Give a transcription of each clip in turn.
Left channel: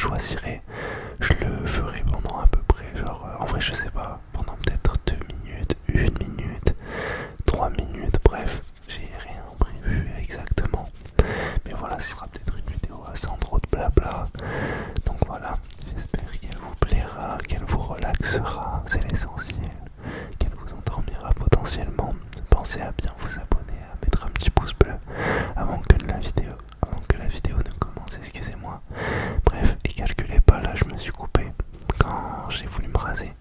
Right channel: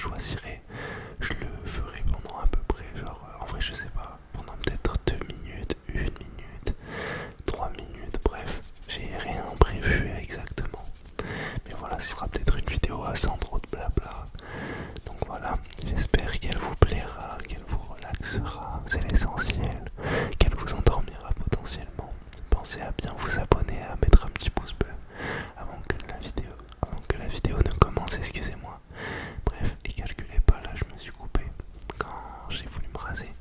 choisirai, je le ferai pendant à peu près, genre, en vrai je sais pas, pendant peut-être 2 minutes, 1 minute, 3 minutes, bref, j'ai rien prévu exactement. Mais voilà, ce sera peut-être une vidéo sans trop de blabla. Donc voilà, j'espère qu'elle vous plaira, qu'elle vous relaxera, c'est l'essentiel, qu'elle vous endormira potentiellement. Pensez à bien vous abonner, à mettre un petit pouce bleu avant que la vidéo ne commence, excusez-moi. Bref, et calculez pas, là je me suis coupé quand j'ai voulu me raser.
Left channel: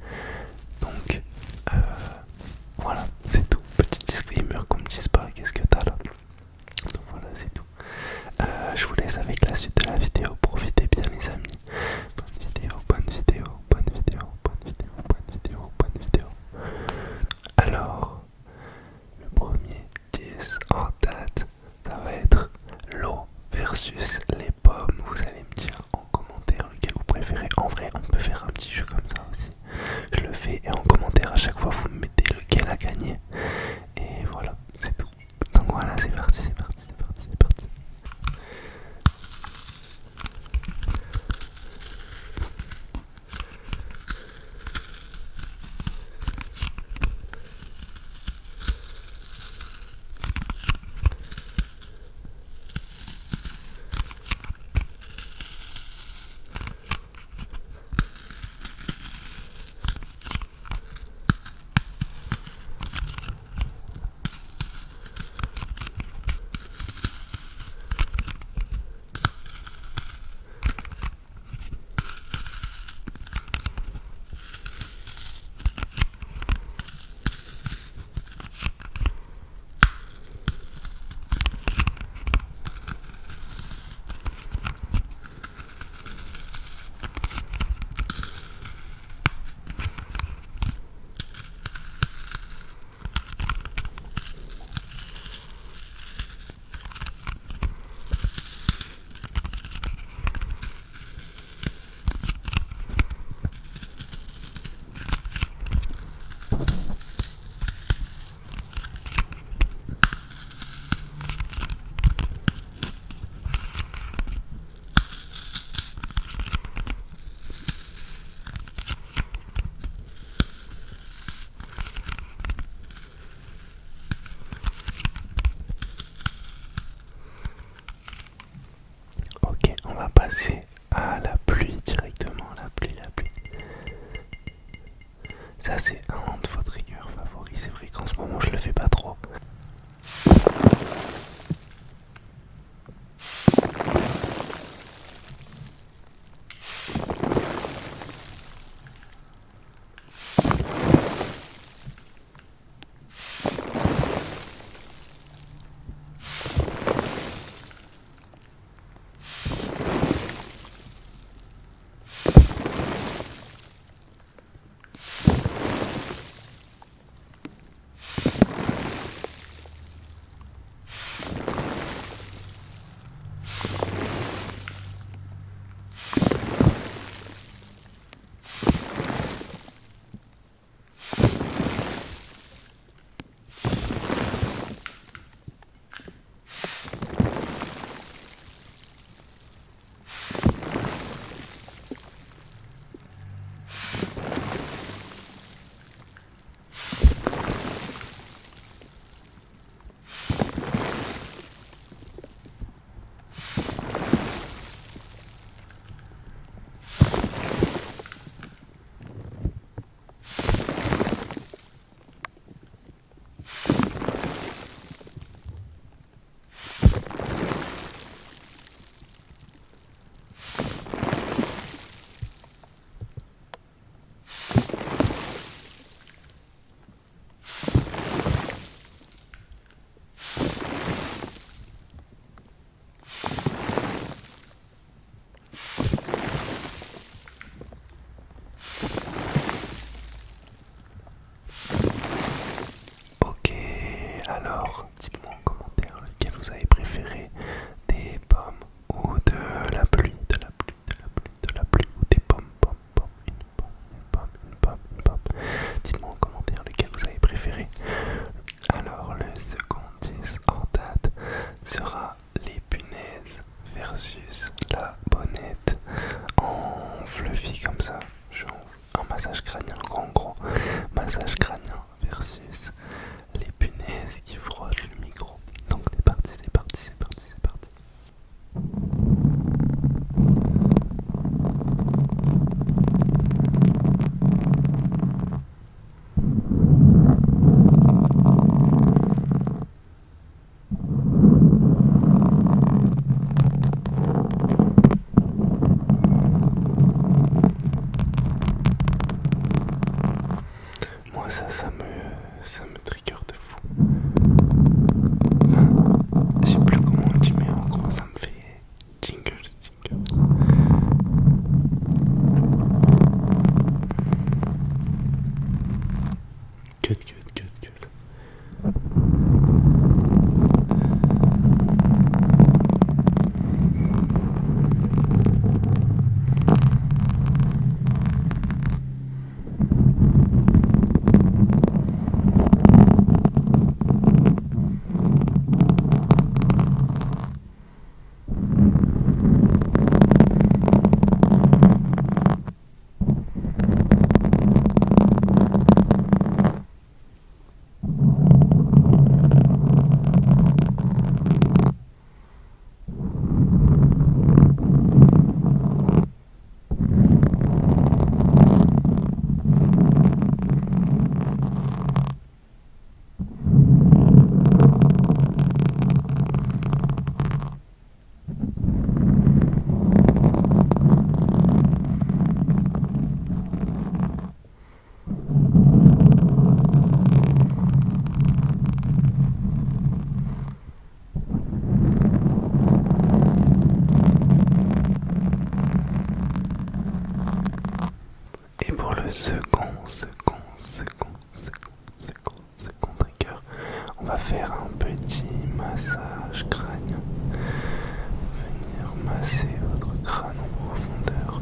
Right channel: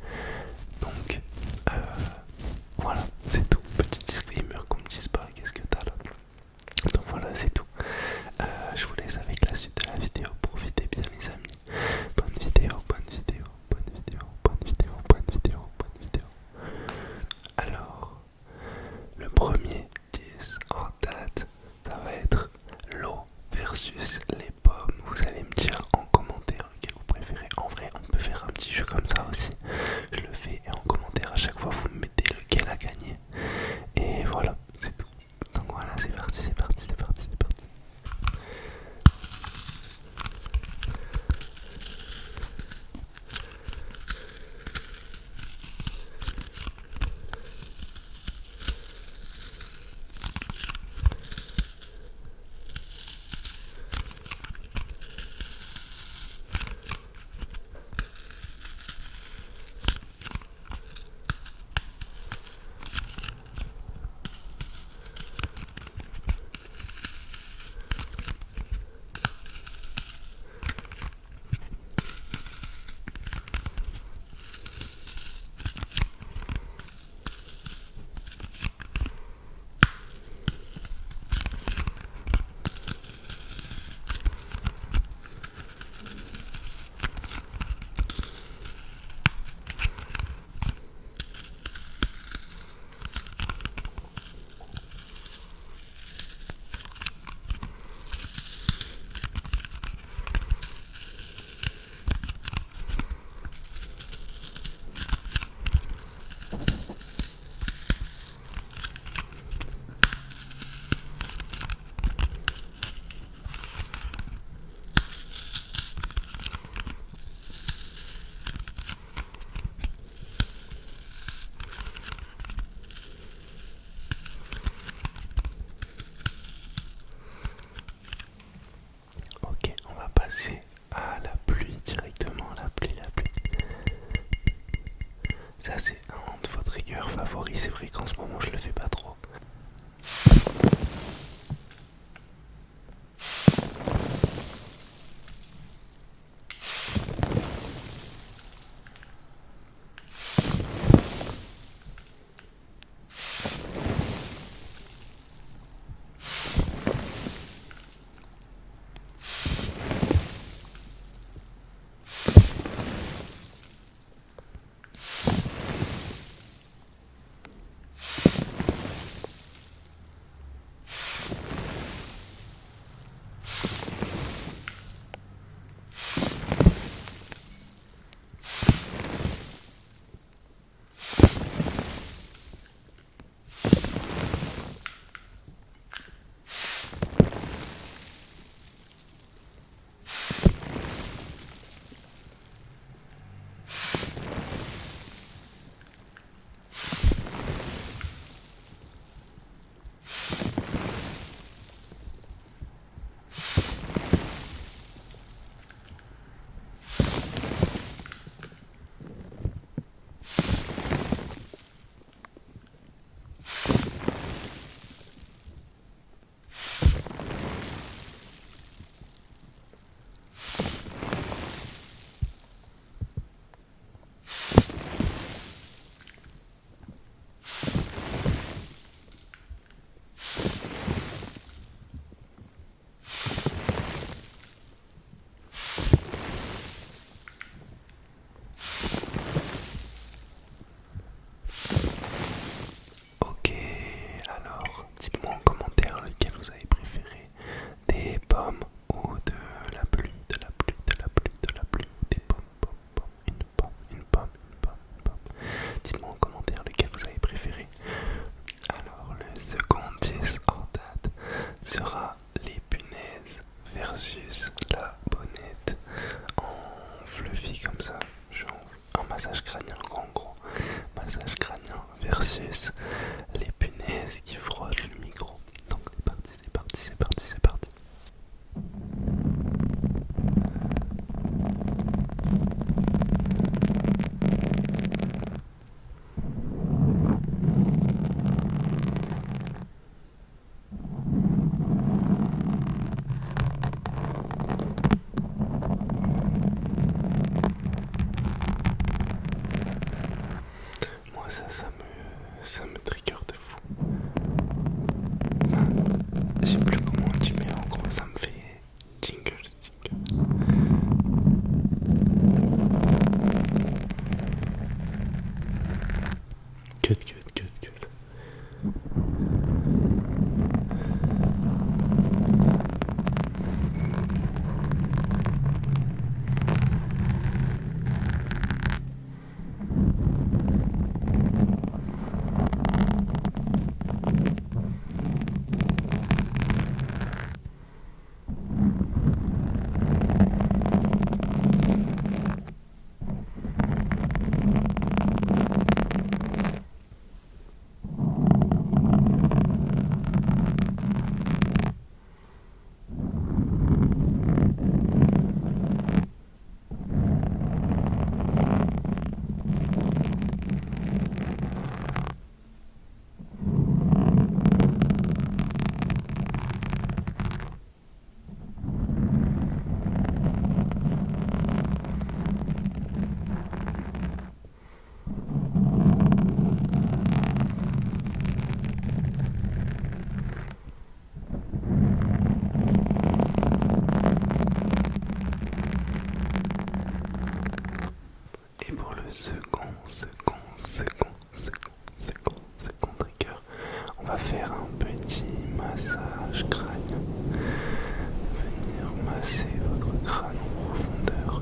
fluffy comme ça. Je fais un massage crânien, en gros. Massage crânien versus les punaises qui frottent le micro. Donc c'est parti, c'est parti, c'est parti, c'est parti. Moi ça me trigger de fou. Enfin, je sais plus comment on dit, mais en gros ça me fait jingles, jingles. Cut, cut, cut, cut. Et pour le second trigger, on va faire un petit massage crânien. Venir masser votre crâne en profondeur.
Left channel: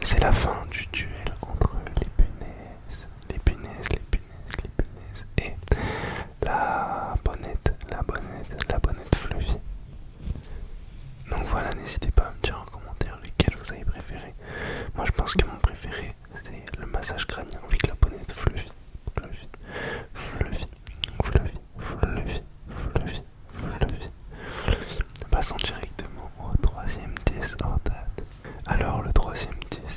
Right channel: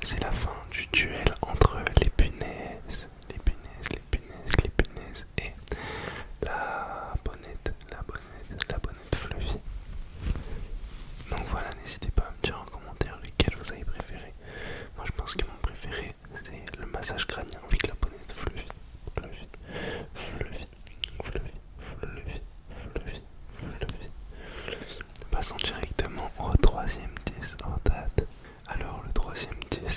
C'est la fin du duel entre les punaises et la bonnette fluffy. Donc voilà, n'hésitez pas à me dire en commentaire lequel vous avez préféré. Moi je pense que mon préféré c'est le massage crânien avec la bonnette fluffy. Passons directement au troisième test hors date. Alors le troisième test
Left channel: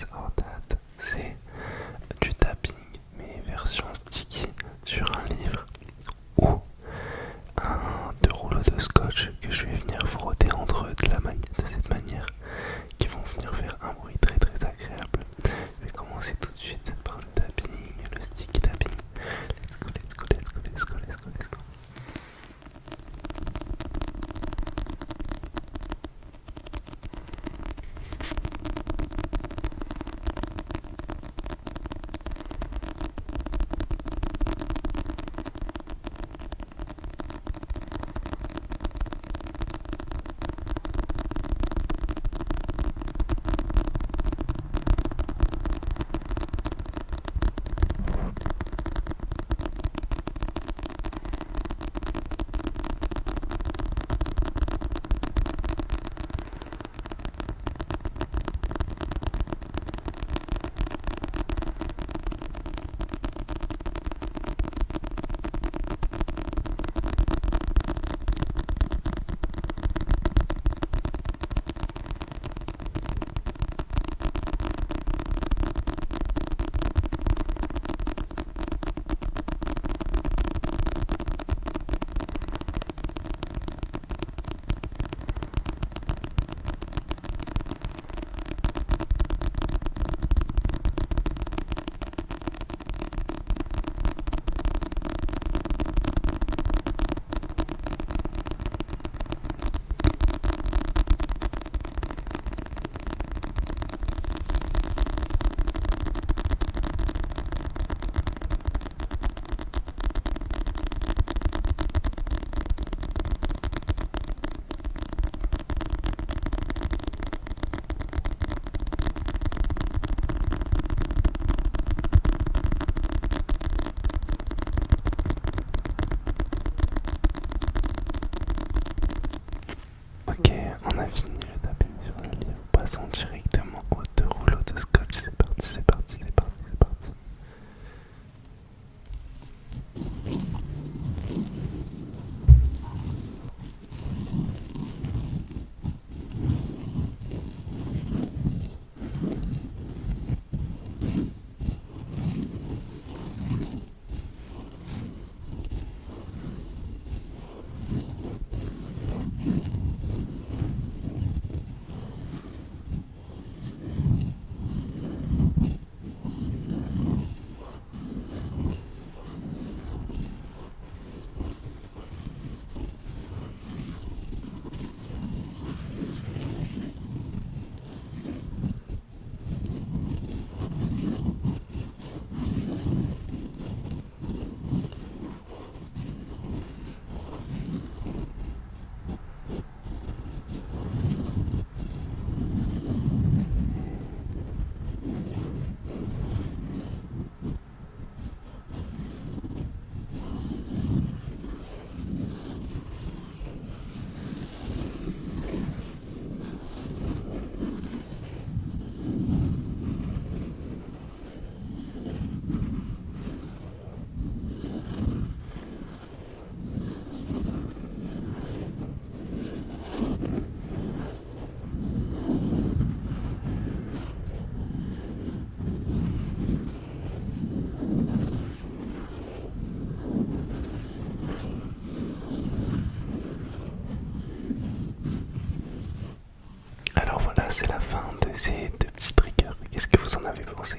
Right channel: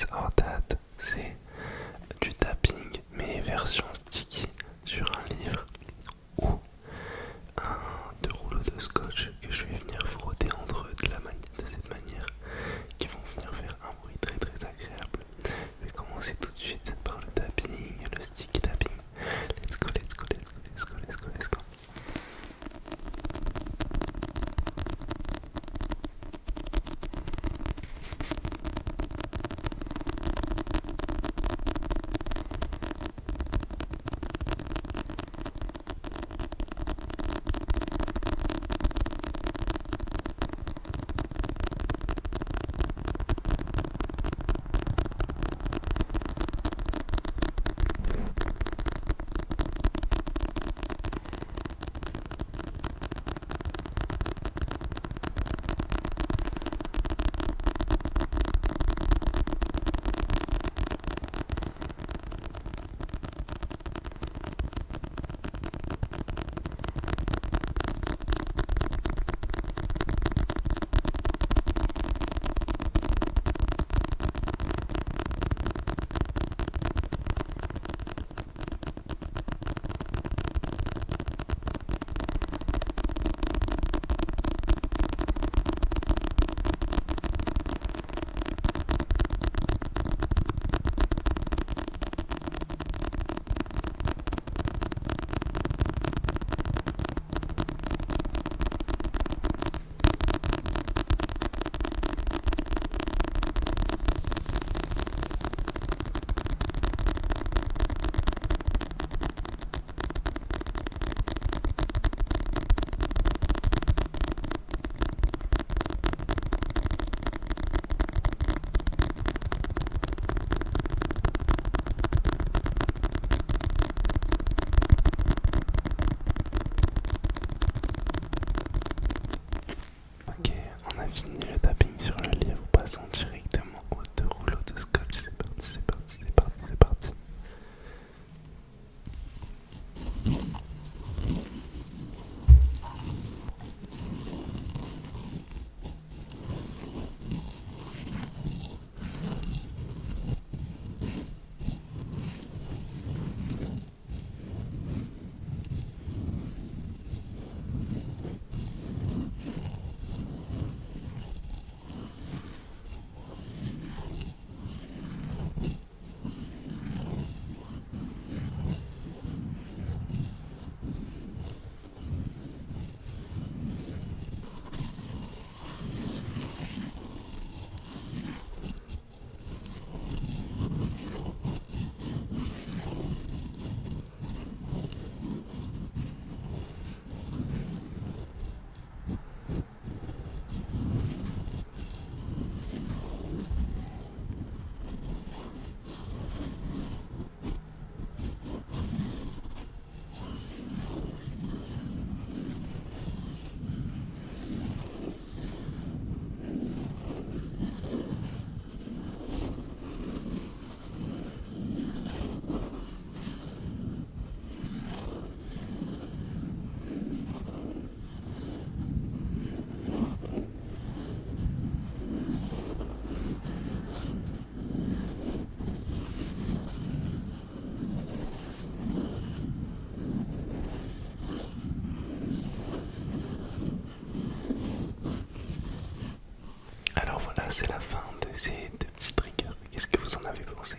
ces deux petits triggers. Qu'est-ce que vous en avez pensé?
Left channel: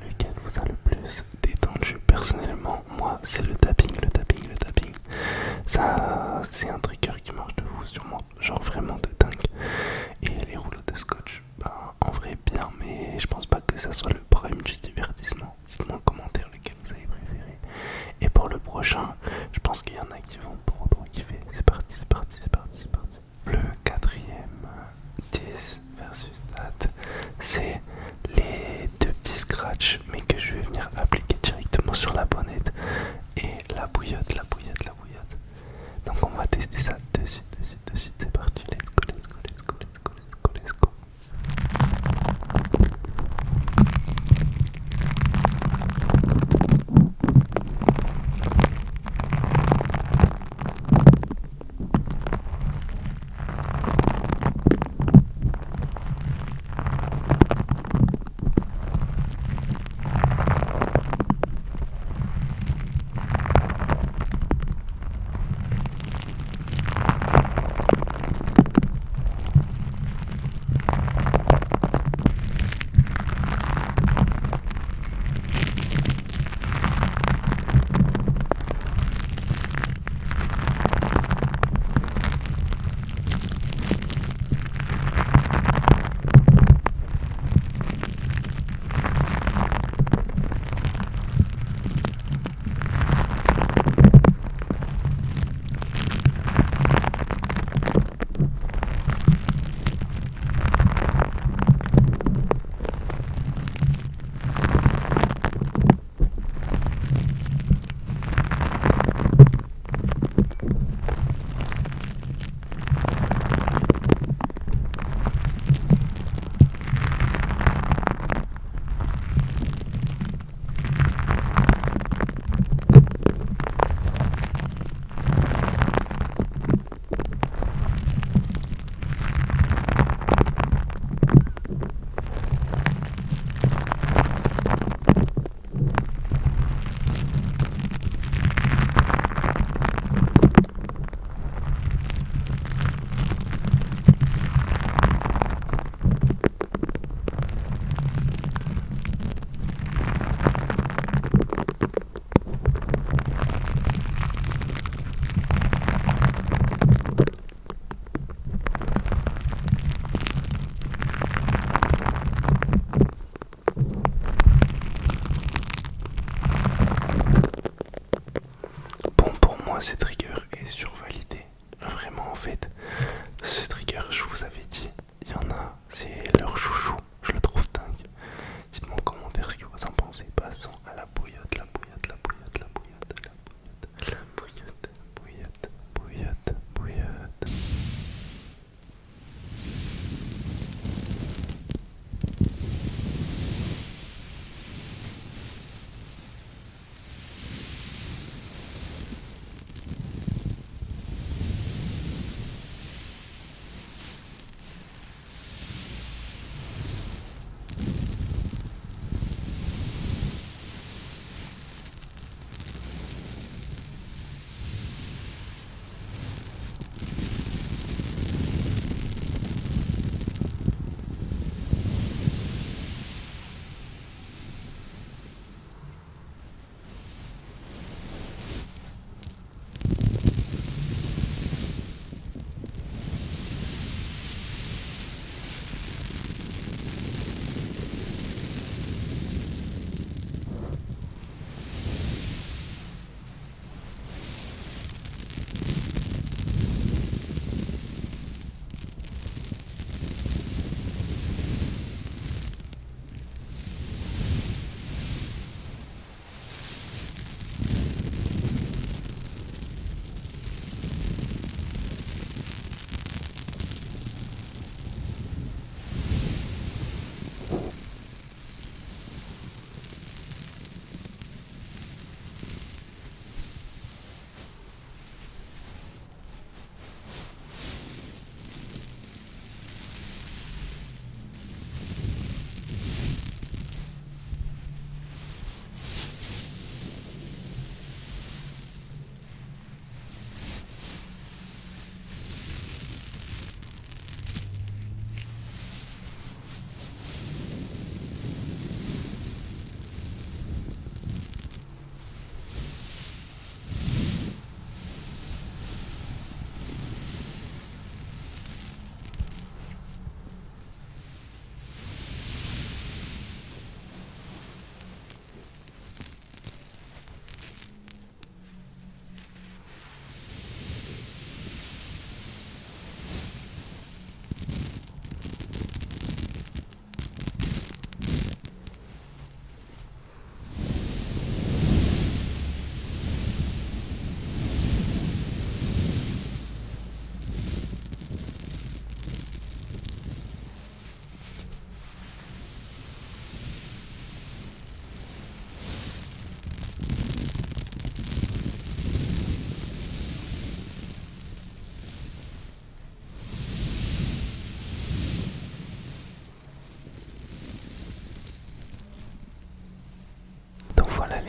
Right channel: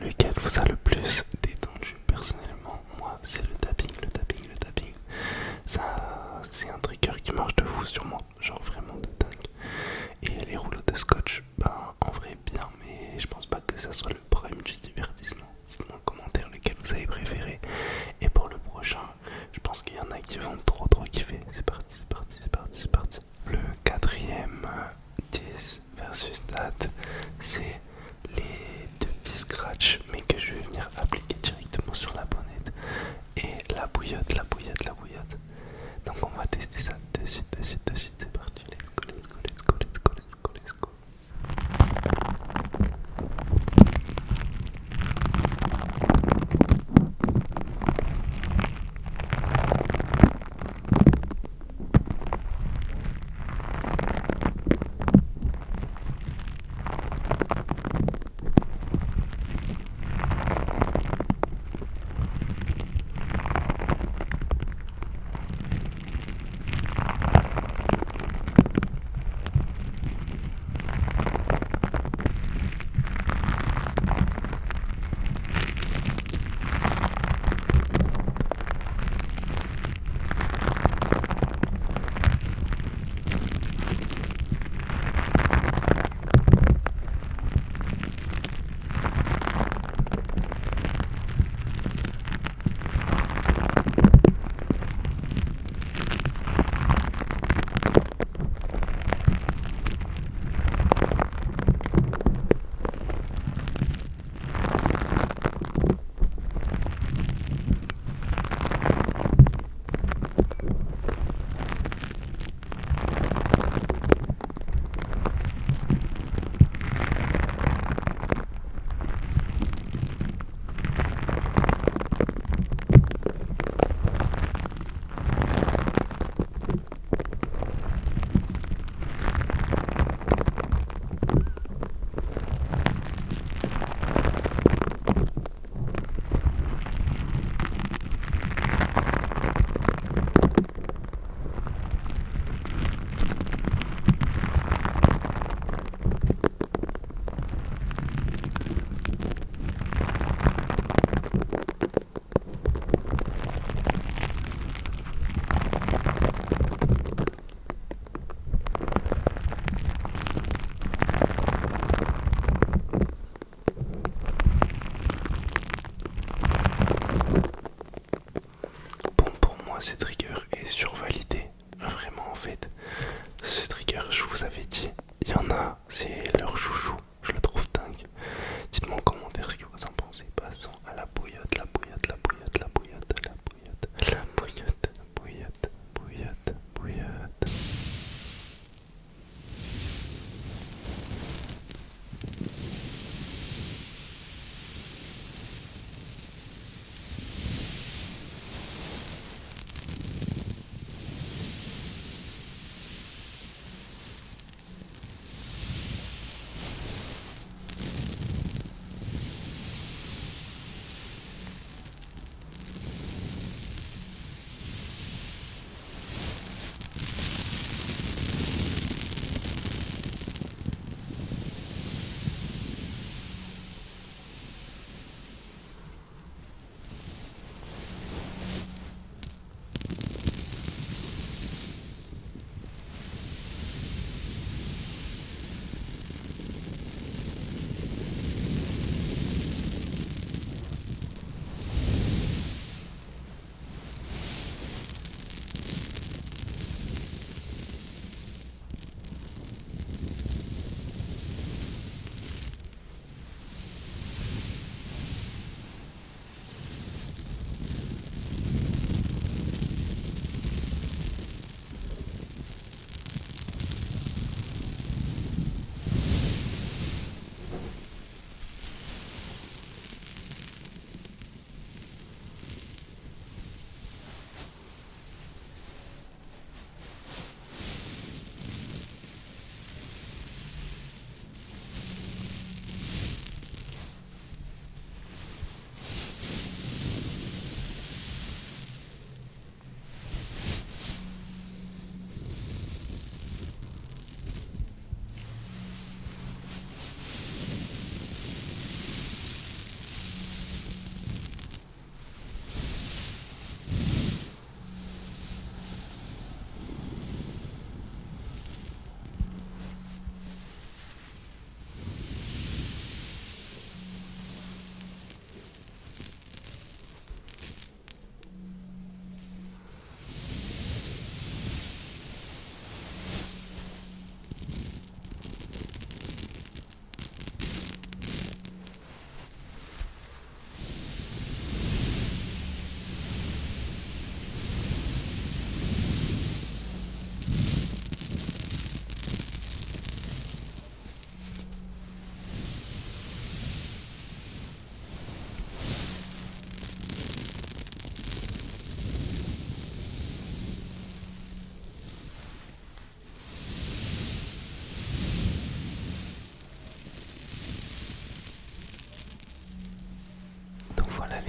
Lequel vous a le plus détendu? Personnellement, moi, c'est le tapping, le tapping, le tapping. Ça, c'est un trigger qui marche de fou sur moi, genre vraiment de dingue. Et les rouleaux de scotch, ben en vrai bien, mais je pense pas que ça soit le prime du divertissement. Dites-moi en commentaire lequel vous avez préféré. Et pour le prochain, je pense qu'il y en a qui vont trop kiffer. C'est parti, c'est parti, c'est parti, c'est parti. Le quatrième 10 versus date, c'est les deux petits scratchs, mais que je vais venir appliquer directement sur la bonnette. Et la bouillotte, la bouillotte, la bouillotte. Donc on va tester ça de suite, de suite, de suite. C'est parti, let's go, let's go, let's go, let's go, let's go, let's go.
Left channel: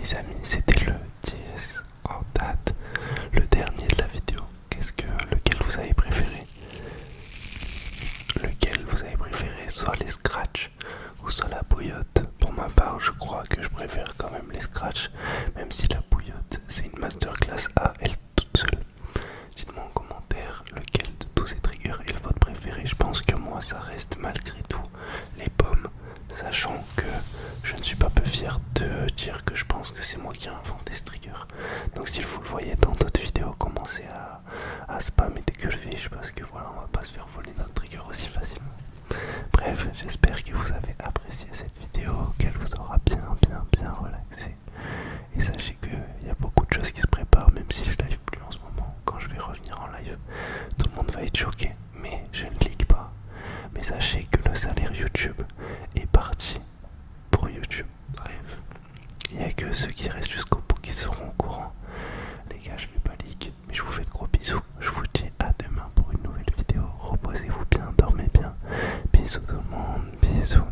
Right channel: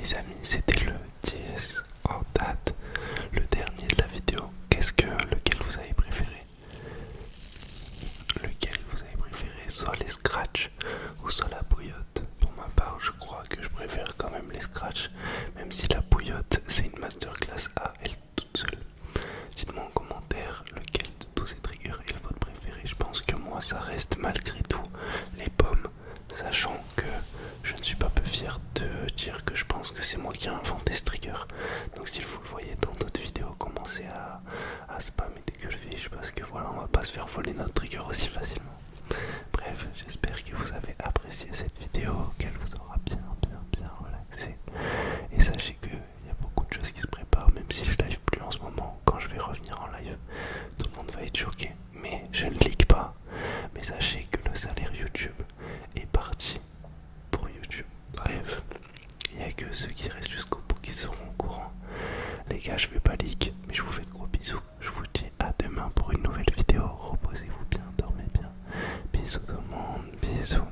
les amis, c'était le 10 en date, le dernier de la vidéo. Lequel vous avez préféré? Lequel vous avez préféré? Soit les scratchs ou soit la bouillotte? Pour ma part, je crois que je préfère quand même les scratchs, même si la bouillotte c'est une masterclass à elle toute seule. Dites-moi en commentaire lequel de tous ces triggers est le vôtre préféré. Je pense que moi ça reste malgré tout les pommes, sachant que je ne suis pas peu fier de dire que je pense que c'est moi qui ai inventé ce trigger. Donc si vous le voyez dans d'autres vidéos, commencez à spammer des gueulefiches parce que voilà, on va pas se faire voler notre trigger aussi facilement. Bref, j'espère que vous avez apprécié cette vidéo, qu'elle vous aura bien relaxé. Et sachez qu'il y a beaucoup de choses qui se préparent, même si je live plus en ce moment. Quand je vais revenir en live, tout le monde va être choqué, mais je ne leak pas. Mais sachez que le salaire YouTube est parti pour YouTube. Bref, il n'y a que ceux qui restent jusqu'au bout qui seront au courant. Les gars, je vais pas leak, mais je vous fais de gros bisous. Je vous dis à demain pour une nouvelle vidéo. Reposez-vous bien, dormez bien. Bisous tout le monde, bisous.